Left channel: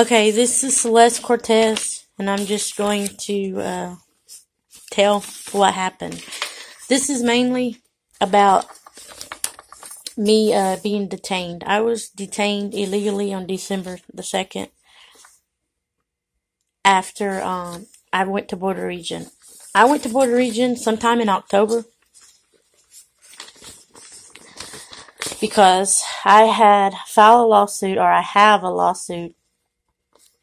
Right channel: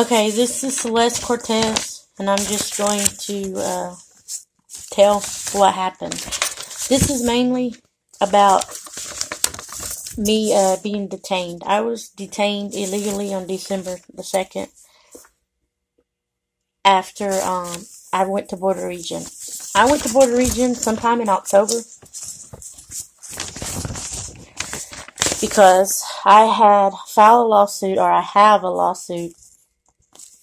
Okay, this is Celeste Cortez, and I'm just going to tell what happened. This is mainly about me being detained. I was detained illegally on December the 2nd after I went to Border Region. I went to Border Region sometime in October because I had filed a lawsuit, or I have a lawsuit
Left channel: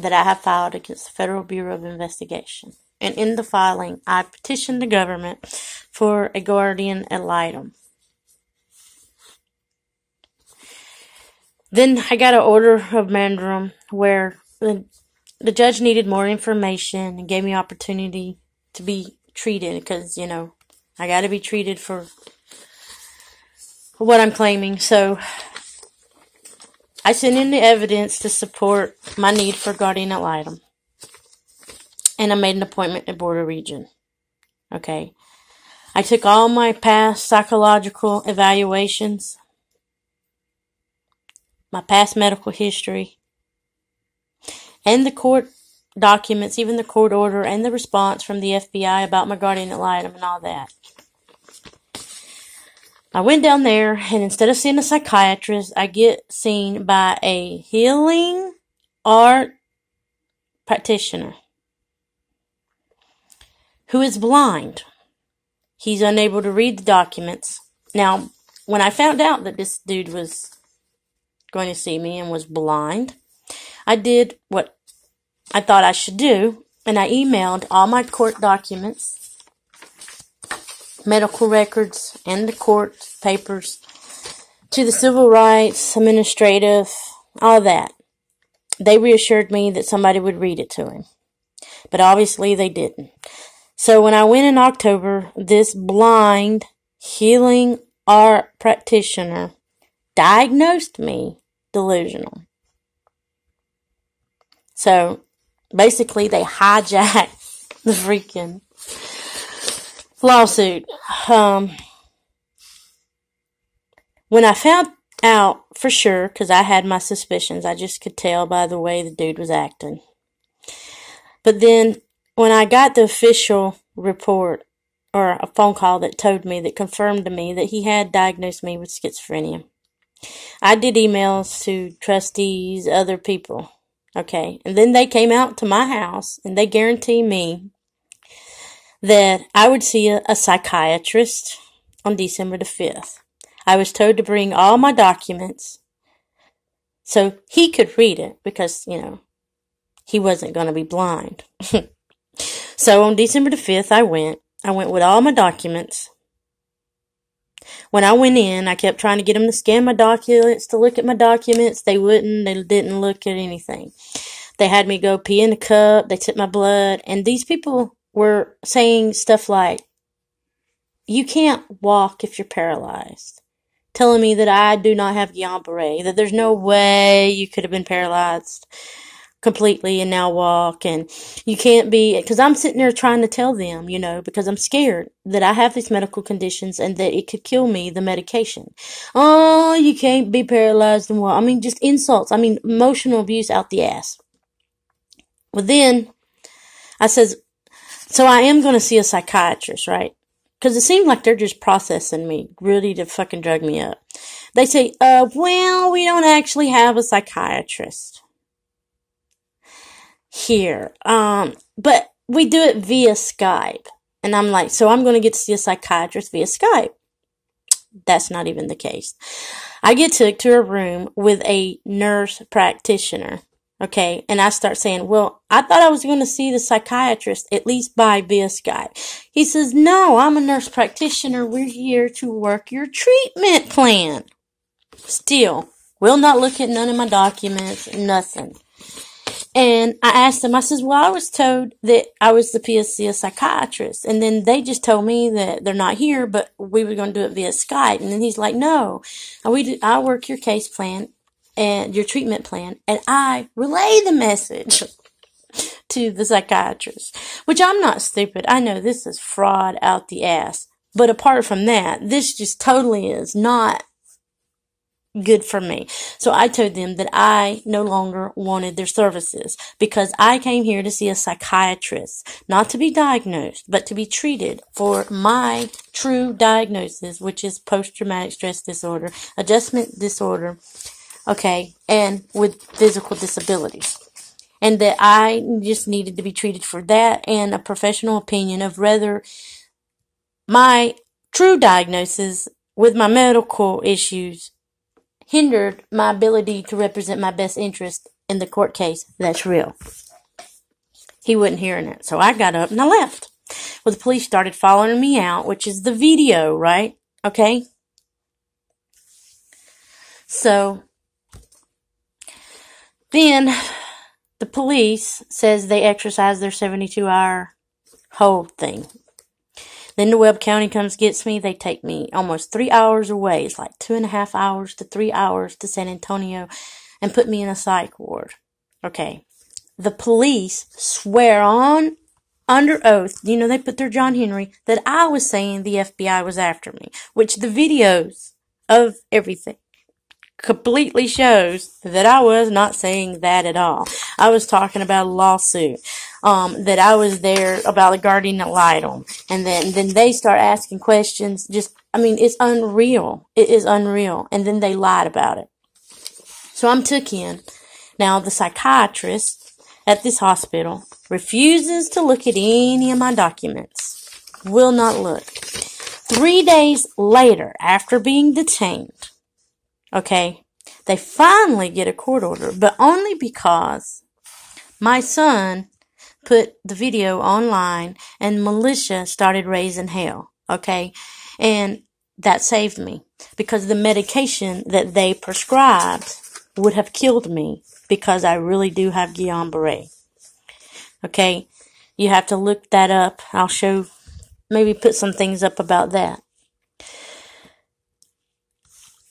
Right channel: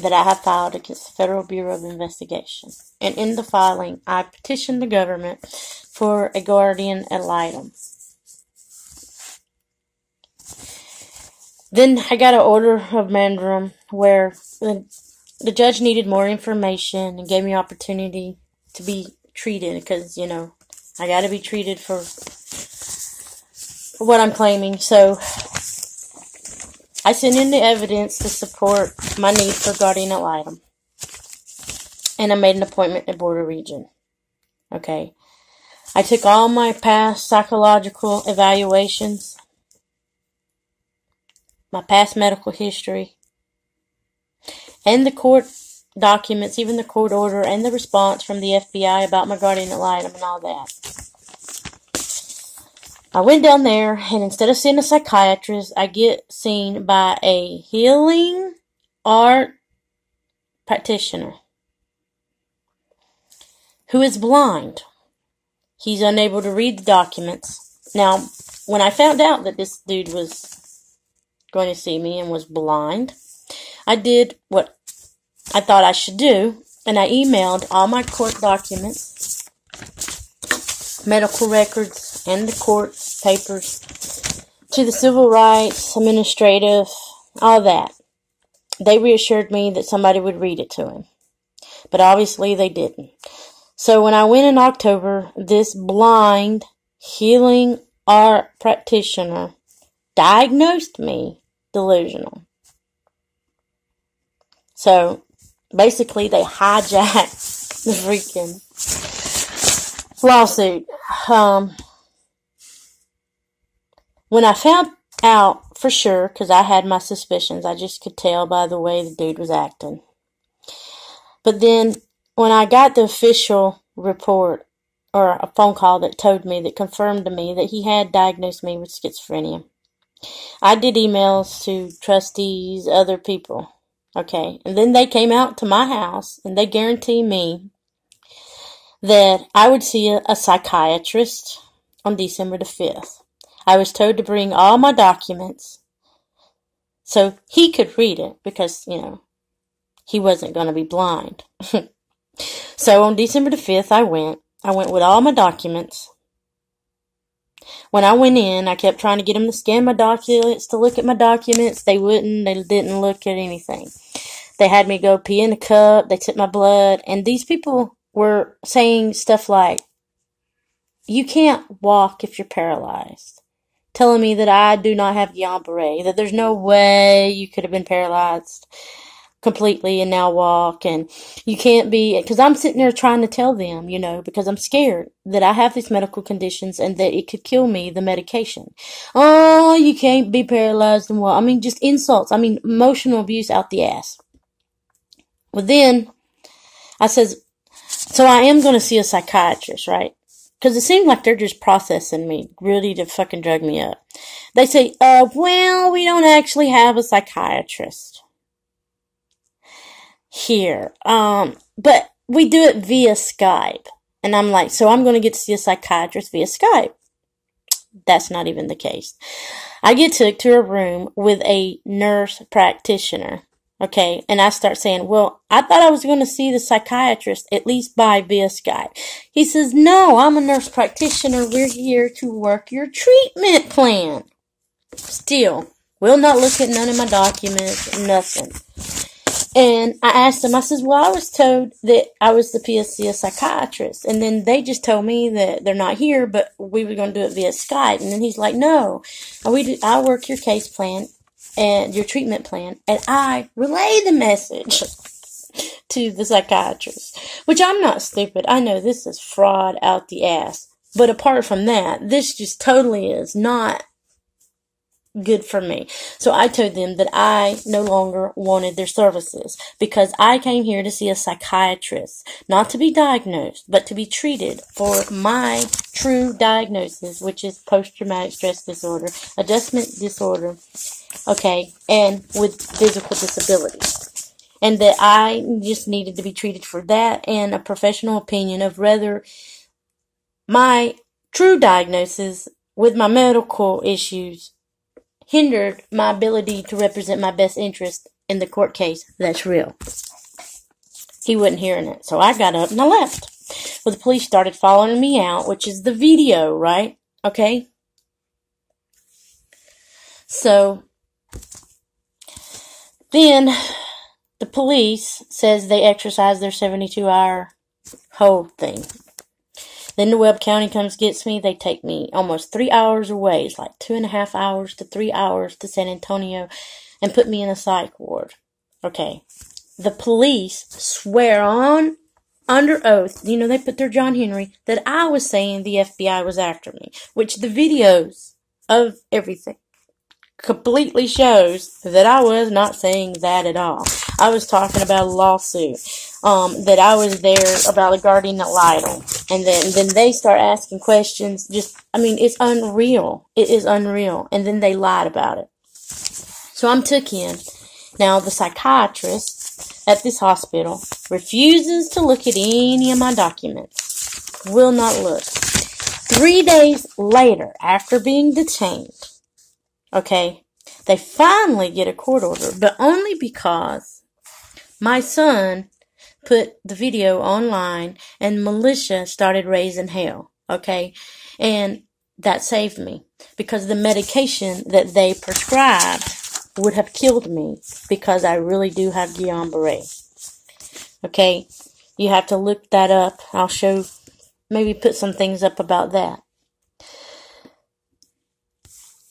that I have filed against the Federal Bureau of Investigation. And in the filing, I petitioned the government for a guardian ad litem. Then I got an order of mandarum where the judge needed more information and gave me opportunity to be treated because, you know, I got to be treated for what I'm claiming. So I sent in the evidence to support my need for guardian ad litem. And I made an appointment at Border Region. Okay. I took all my past psychological evaluations, my past medical history, and the court documents, even the court order and the response from the FBI about my guardian ad litem and all that. I went down there, and instead of seeing a psychiatrist, I get seen by a healing art practitioner who is blind. He's unable to read the documents. Now, when I found out that this dude was going to see me and was blind, I did what I thought I should do, and I emailed all my court documents, medical records, and the court papers to the civil rights, administrative, all that. They reassured me that somebody would read it to him, but obviously they didn't. So when I went in October, this blind healing art practitioner diagnosed me delusional. So basically they hijacked the freaking lawsuit. When I found out for sure, because I had my suspicions, I just could tell by the way the dude was acting. But then when I got the official report, or a phone call that told me, that confirmed to me that he had diagnosed me with schizophrenia, I did emails to trustees, other people. Okay, and then they came out to my house and they guaranteed me that I would see a psychiatrist on December the 5th. I was told to bring all my documents so he could read it because, you know, he wasn't going to be blind. So on December the 5th, I went with all my documents. When I went in, I kept trying to get them to scan my documents, to look at my documents. They wouldn't. They didn't look at anything. They had me go pee in a cup. They took my blood. And these people were saying stuff like, you can't walk if you're paralyzed. Telling me that I do not have Guillain-Barré, that there's no way you could have been paralyzed completely and now walk, and you can't be, because I'm sitting there trying to tell them, you know, because I'm scared that I have these medical conditions and that it could kill me, the medication. Oh, you can't be paralyzed and what? I mean, just insults. I mean, emotional abuse out the ass. Well, then I says, so I am going to see a psychiatrist, right? Because it seems like they're just processing me, ready to fucking drug me up. They say, well, we don't actually have a psychiatrist here. But we do it via Skype. And I'm like, so I'm going to get to see a psychiatrist via Skype. That's not even the case. I get took to a room with a nurse practitioner. Okay, and I start saying, well, I thought I was going to see the psychiatrist at least via Skype. He says, no, I'm a nurse practitioner. We're here to work your treatment plan. Still, will not look at none of my documents, nothing. And I asked him, I says, well, I was told that I was the PSC psychiatrist. And then they just told me that they're not here, but we were going to do it via Skype. And then he's like, no, I work your case plan and your treatment plan, and I relay the message to the psychiatrist, which I'm not stupid. I know this is fraud out the ass. But apart from that, this just totally is not good for me. So I told them that I no longer wanted their services because I came here to see a psychiatrist, not to be diagnosed, but to be treated for my true diagnosis, which is post-traumatic stress disorder, adjustment disorder, okay, and with physical disabilities. And that I just needed to be treated for that and a professional opinion of whether my true diagnosis with my medical issues hindered my ability to represent my best interest in the court case. That's real. He wasn't hearing it. So I got up and I left. Well, the police started following me out, which is the video, right? Okay. So then the police says they exercise their 72-hour hold thing. Then the Webb County comes gets me. They take me almost 3 hours away. It's like 2.5 hours to 3 hours to San Antonio and put me in a psych ward. Okay. The police swear on under oath, you know, they put their John Henry, that I was saying the FBI was after me, which the videos of everything completely shows that I was not saying that at all. I was talking about a lawsuit, that I was there about the guardian ad litem. And then they start asking questions. It's unreal. It is unreal. And then they lied about it. So I'm took in. Now, the psychiatrist at this hospital refuses to look at any of my documents. Will not look. 3 days later, after being detained, okay, they finally get a court order, but only because my son put the video online and militia started raising hell, okay? And that saved me because the medication that they prescribed would have killed me because I really do have Guillain-Barré. Okay? You have to look that up. I'll show, maybe put some things up about that.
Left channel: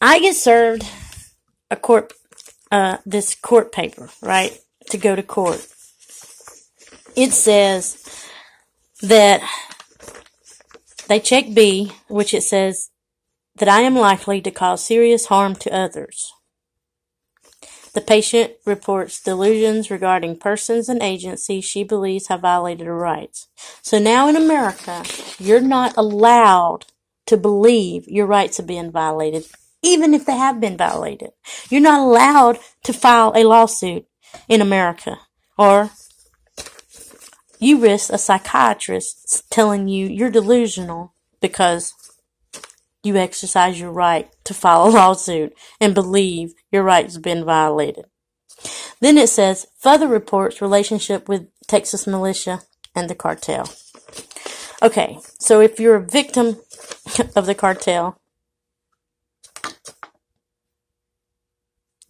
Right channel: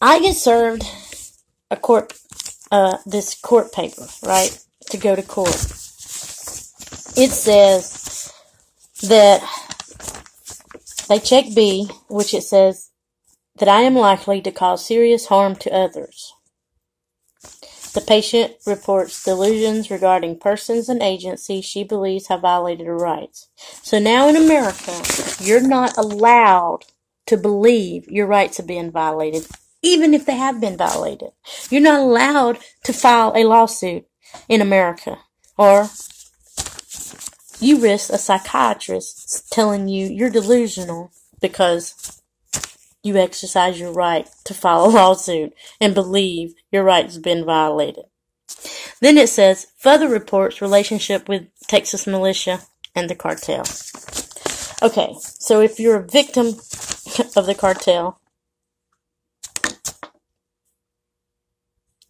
I get served this court paper, right, to go to court. It says that they check B, which it says that I am likely to cause serious harm to others. The patient reports delusions regarding persons and agencies she believes have violated her rights. So now in America, you're not allowed to believe your rights are being violated, even if they have been violated. You're not allowed to file a lawsuit in America, or you risk a psychiatrist telling you you're delusional because you exercise your right to file a lawsuit and believe your rights have been violated. Then it says, further reports relationship with Texas militia and the cartel. Okay, so if you're a victim of the cartel,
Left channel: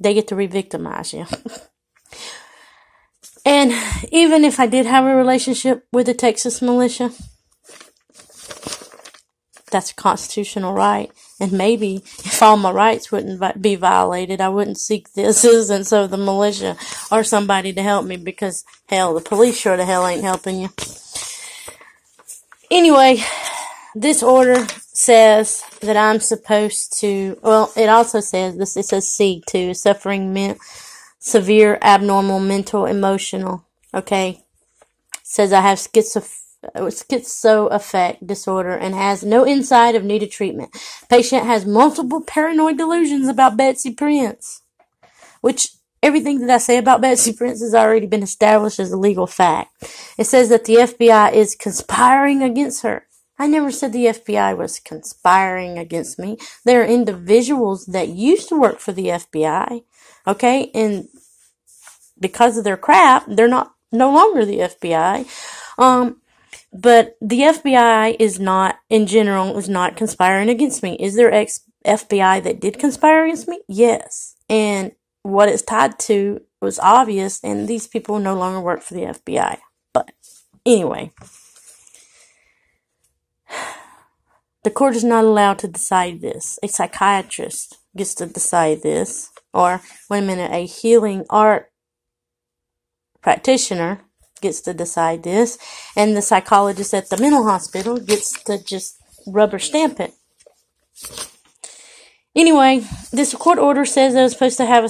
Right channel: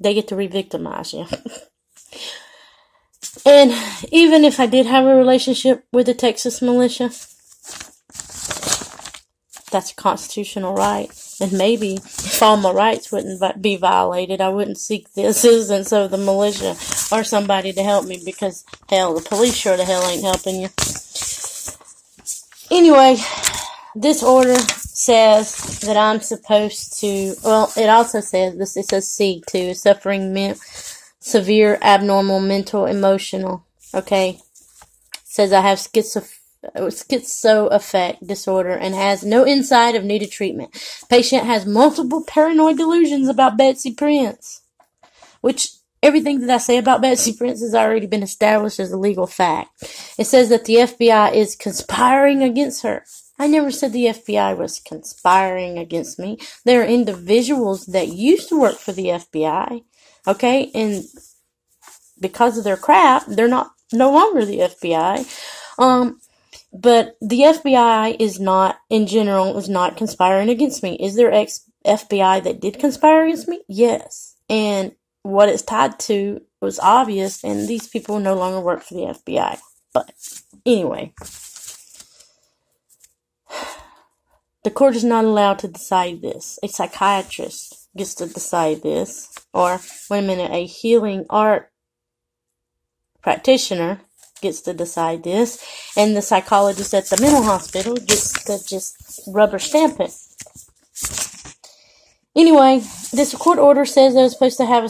they get to re-victimize you. And even if I did have a relationship with the Texas militia, that's a constitutional right. And maybe if all my rights wouldn't be violated, I wouldn't seek the assistance of the militia or somebody to help me because, hell, the police sure the hell ain't helping you. Anyway, this order says that I'm supposed to, well, it also says, it says C too, suffering severe abnormal mental emotional, okay? It says I have schizoaffect disorder and has no insight of needed treatment. Patient has multiple paranoid delusions about Betsy Prince, which everything that I say about Betsy Prince has already been established as a legal fact. It says that the FBI is conspiring against her. I never said the FBI was conspiring against me. There are individuals that used to work for the FBI, okay, and because of their crap, they're no longer the FBI. But the FBI is not, in general, is not conspiring against me. Is there FBI that did conspire against me? Yes. And what it's tied to was obvious, and these people no longer work for the FBI. But anyway, the court is not allowed to decide this. A psychiatrist gets to decide this. Or, wait a minute, a healing art practitioner gets to decide this, and the psychologist at the mental hospital gets to just rubber stamp it. Anyway, this court order says I was supposed to have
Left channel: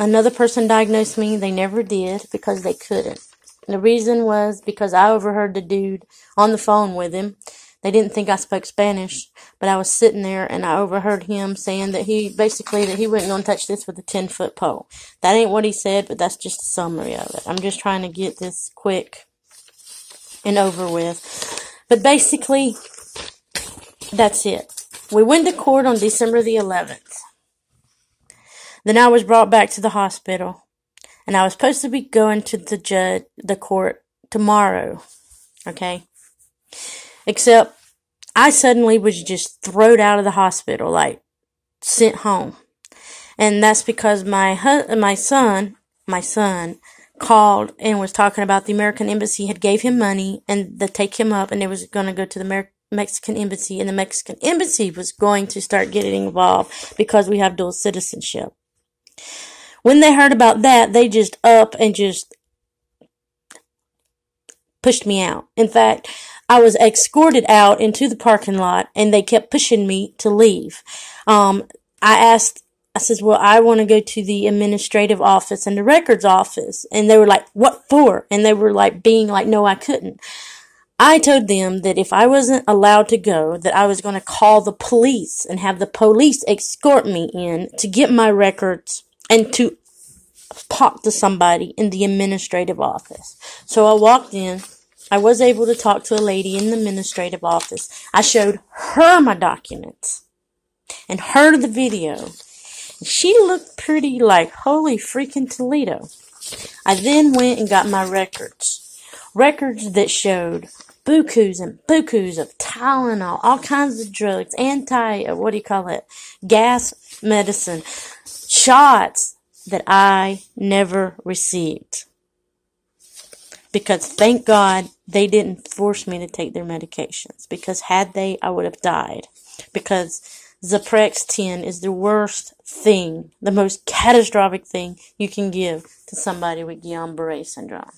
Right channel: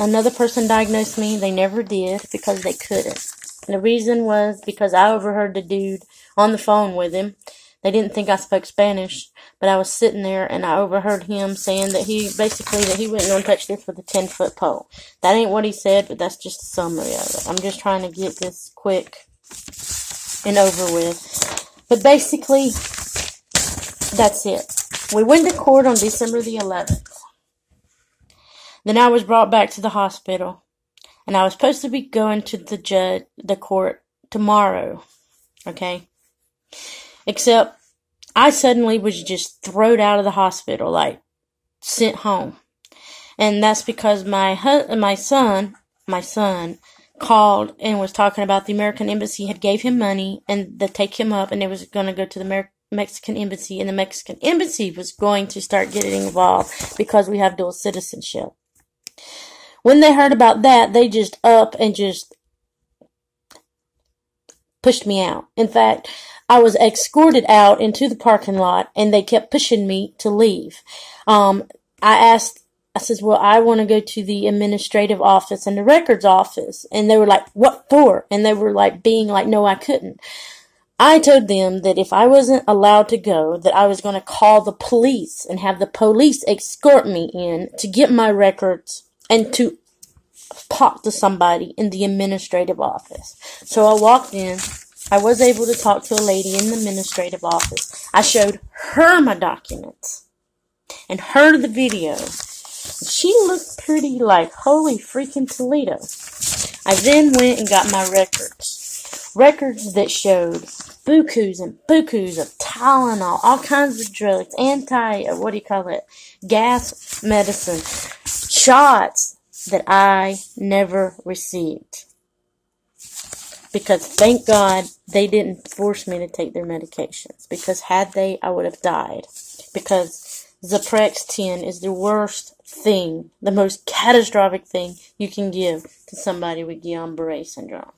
another person diagnosed me. They never did because they couldn't. The reason was because I overheard the dude on the phone with him. They didn't think I spoke Spanish, but I was sitting there and I overheard him saying that he wasn't going to touch this with a 10-foot pole. That ain't what he said, but that's just a summary of it. I'm just trying to get this quick and over with. But basically, that's it. We went to court on December the 11th. Then I was brought back to the hospital, and I was supposed to be going to the court tomorrow, okay? Except I suddenly was just thrown out of the hospital, like sent home. And that's because my son called and was talking about the American Embassy had gave him money and to take him up, and they was going to go to the Mexican Embassy, and the Mexican Embassy was going to start getting involved because we have dual citizenship. When they heard about that, they just up and just pushed me out. In fact, I was escorted out into the parking lot, and they kept pushing me to leave. I said, well, I want to go to the administrative office and the records office. And they were like, what for? And they were like, being like, no, I couldn't. I told them that if I wasn't allowed to go, that I was going to call the police and have the police escort me in to get my records and to talk to somebody in the administrative office. So I walked in. I was able to talk to a lady in the administrative office. I showed her my documents and her the video. She looked pretty like, holy freaking Toledo. I then went and got my records. Records that showed bukus and bukus of Tylenol, all kinds of drugs, gas medicine, shots that I never received. Because thank God they didn't force me to take their medications. Because had they, I would have died. Because Zyprexa 10 is the worst thing, the most catastrophic thing you can give to somebody with Guillain-Barré syndrome.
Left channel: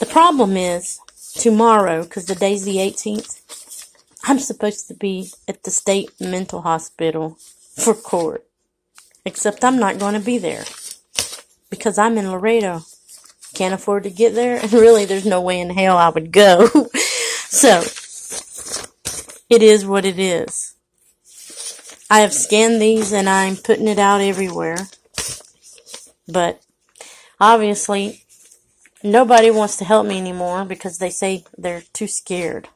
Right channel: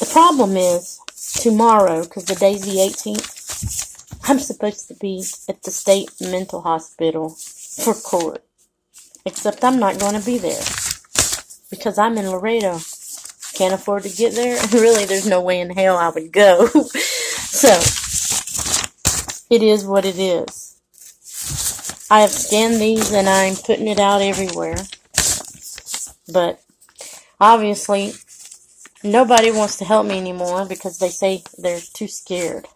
The problem is, tomorrow, because the day's the 18th, I'm supposed to be at the state mental hospital for court. Except I'm not going to be there. Because I'm in Laredo. Can't afford to get there. Really, there's no way in hell I would go. So, it is what it is. I have scanned these and I'm putting it out everywhere. But, obviously, nobody wants to help me anymore because they say they're too scared.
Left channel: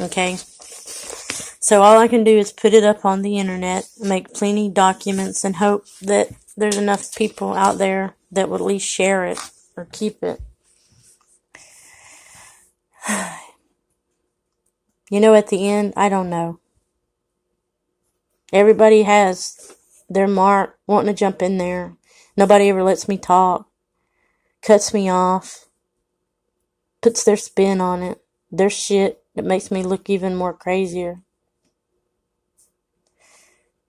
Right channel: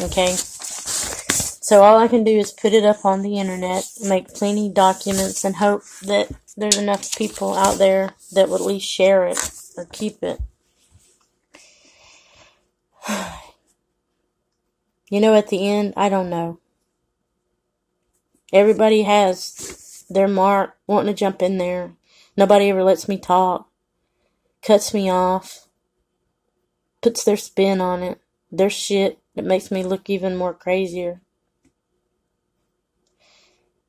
Okay? So all I can do is put it up on the internet, make plenty of documents, and hope that there's enough people out there that will at least share it or keep it. You know, at the end, I don't know. Everybody has their mark, wanting to jump in there. Nobody ever lets me talk. Cuts me off. Puts their spin on it. Their shit that makes me look even more crazier.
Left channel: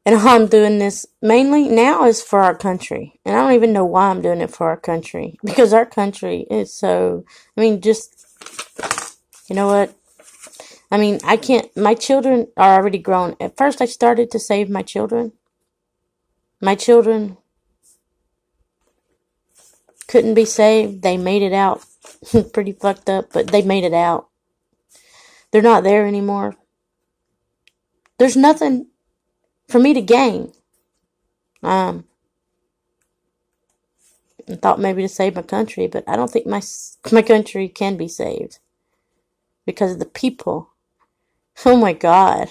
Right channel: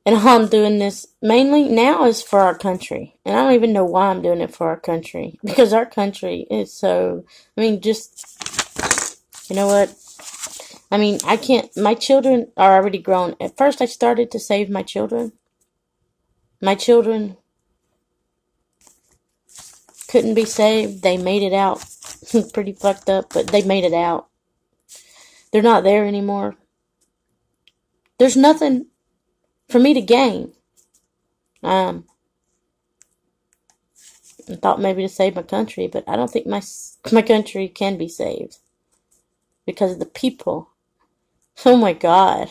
And all I'm doing this mainly now is for our country. And I don't even know why I'm doing it for our country. Because our country is so, just, you know what? I can't, my children are already grown. At first I started to save my children. My children couldn't be saved. They made it out. Pretty fucked up, but they made it out. They're not there anymore. There's nothing for me to gain. I thought maybe to save my country, but I don't think my country can be saved. Because of the people. Oh my God.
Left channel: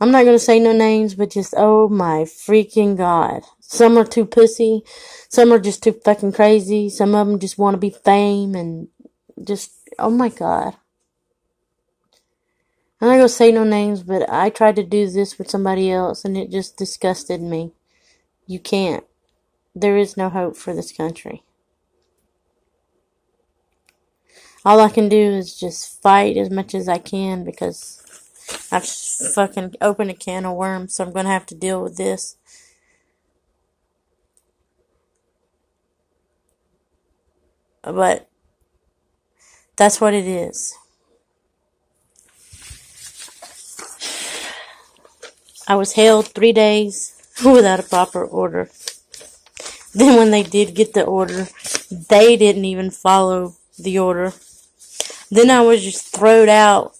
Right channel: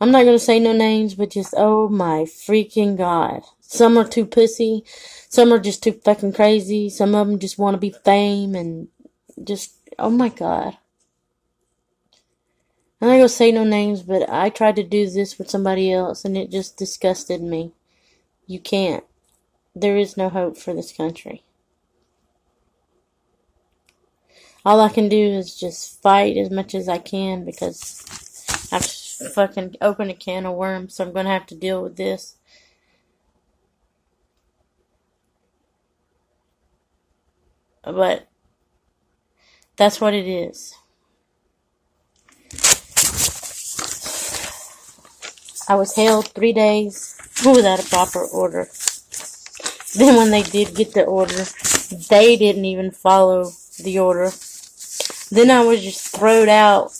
I'm not going to say no names, but just, oh my freaking God. Some are too pussy. Some are just too fucking crazy. Some of them just want to be fame and just, oh my God. I'm not going to say no names, but I tried to do this with somebody else and it just disgusted me. You can't. There is no hope for this country. All I can do is just fight as much as I can because I've fucking opened a can of worms, so I'm going to have to deal with this. But that's what it is. I was held 3 days without a proper order. Then when they did get the order, they didn't even follow the order. Then I was just thrown out,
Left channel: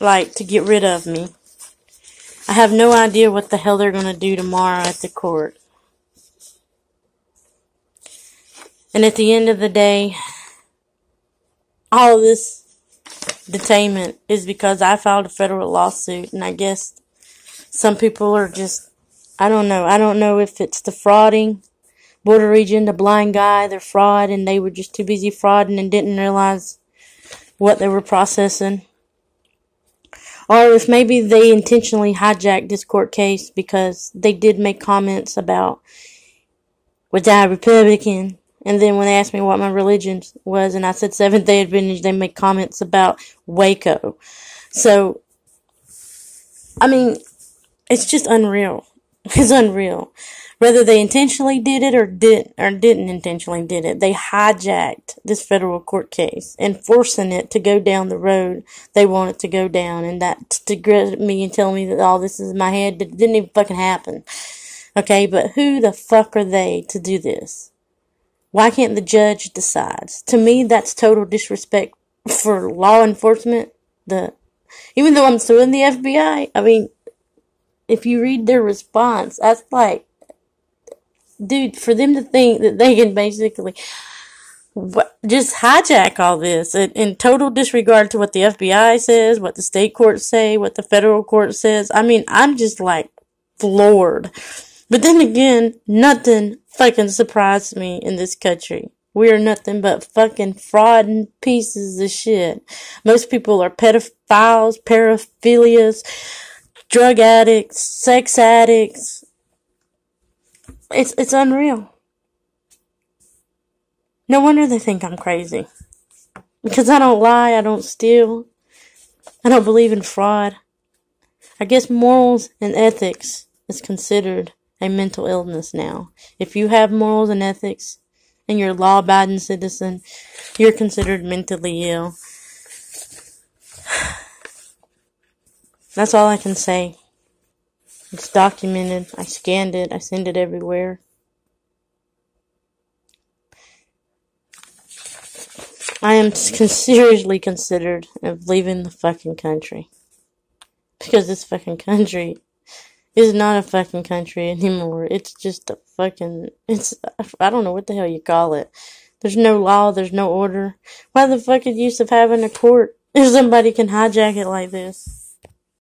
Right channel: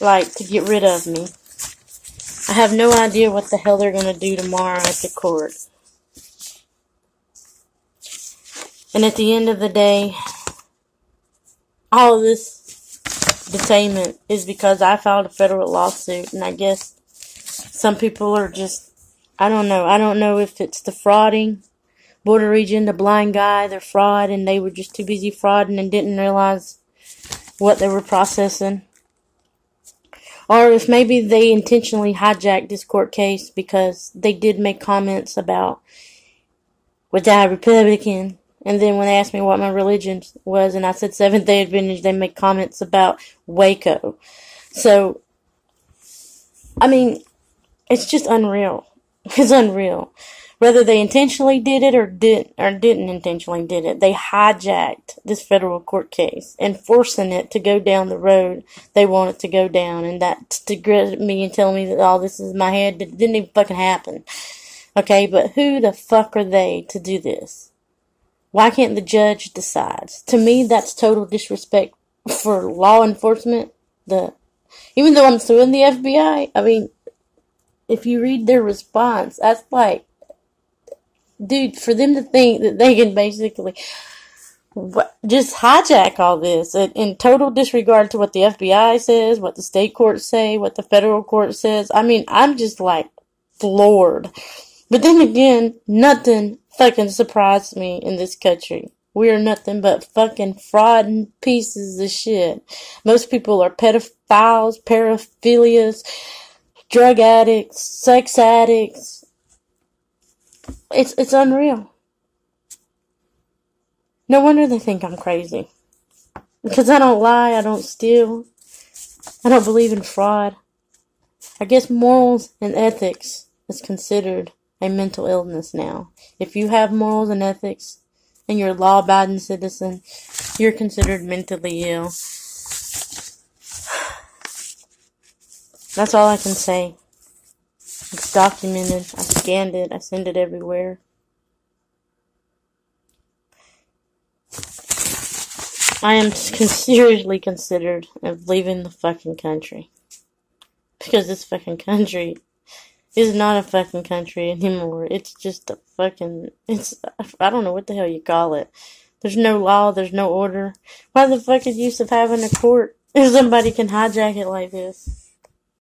like, to get rid of me. I have no idea what the hell they're going to do tomorrow at the court. And at the end of the day, all of this detainment is because I filed a federal lawsuit. And I guess some people are just, I don't know. I don't know if it's the frauding border region, the blind guy, their fraud, and they were just too busy frauding and didn't realize what they were processing. Or if maybe they intentionally hijacked this court case because they did make comments about, was I Republican? And then when they asked me what my religion was, and I said Seventh-day Adventist, they made comments about Waco. So, I mean, it's just unreal. It's unreal. Whether they intentionally did it or didn't intentionally did it, they hijacked this federal court case and forcing it to go down the road they want it to go down. And that to grit me and tell me that all this is in my head, that didn't even fucking happen. Okay, but who the fuck are they to do this? Why can't the judge decide? To me, that's total disrespect for law enforcement. Even though I'm suing the FBI, I mean, if you read their response, that's like, dude, for them to think that they can basically just hijack all this in total disregard to what the FBI says, what the state courts say, what the federal court says. I mean, I'm just like floored. But then again, nothing fucking surprised me in this country. We are nothing but fucking fraud and pieces of shit. Most people are pedophiles, paraphilias, drug addicts, sex addicts. It's unreal. No wonder they think I'm crazy. Because I don't lie, I don't steal, I don't believe in fraud. I guess morals and ethics is considered a mental illness now. If you have morals and ethics and you're a law-abiding citizen, you're considered mentally ill. That's all I can say. It's documented. I scanned it. I send it everywhere. I am seriously considered of leaving the fucking country. Because this fucking country is not a fucking country anymore. It's just a fucking, I don't know what the hell you call it. There's no law, there's no order. Why the fuck is the use of having a court if somebody can hijack it like this?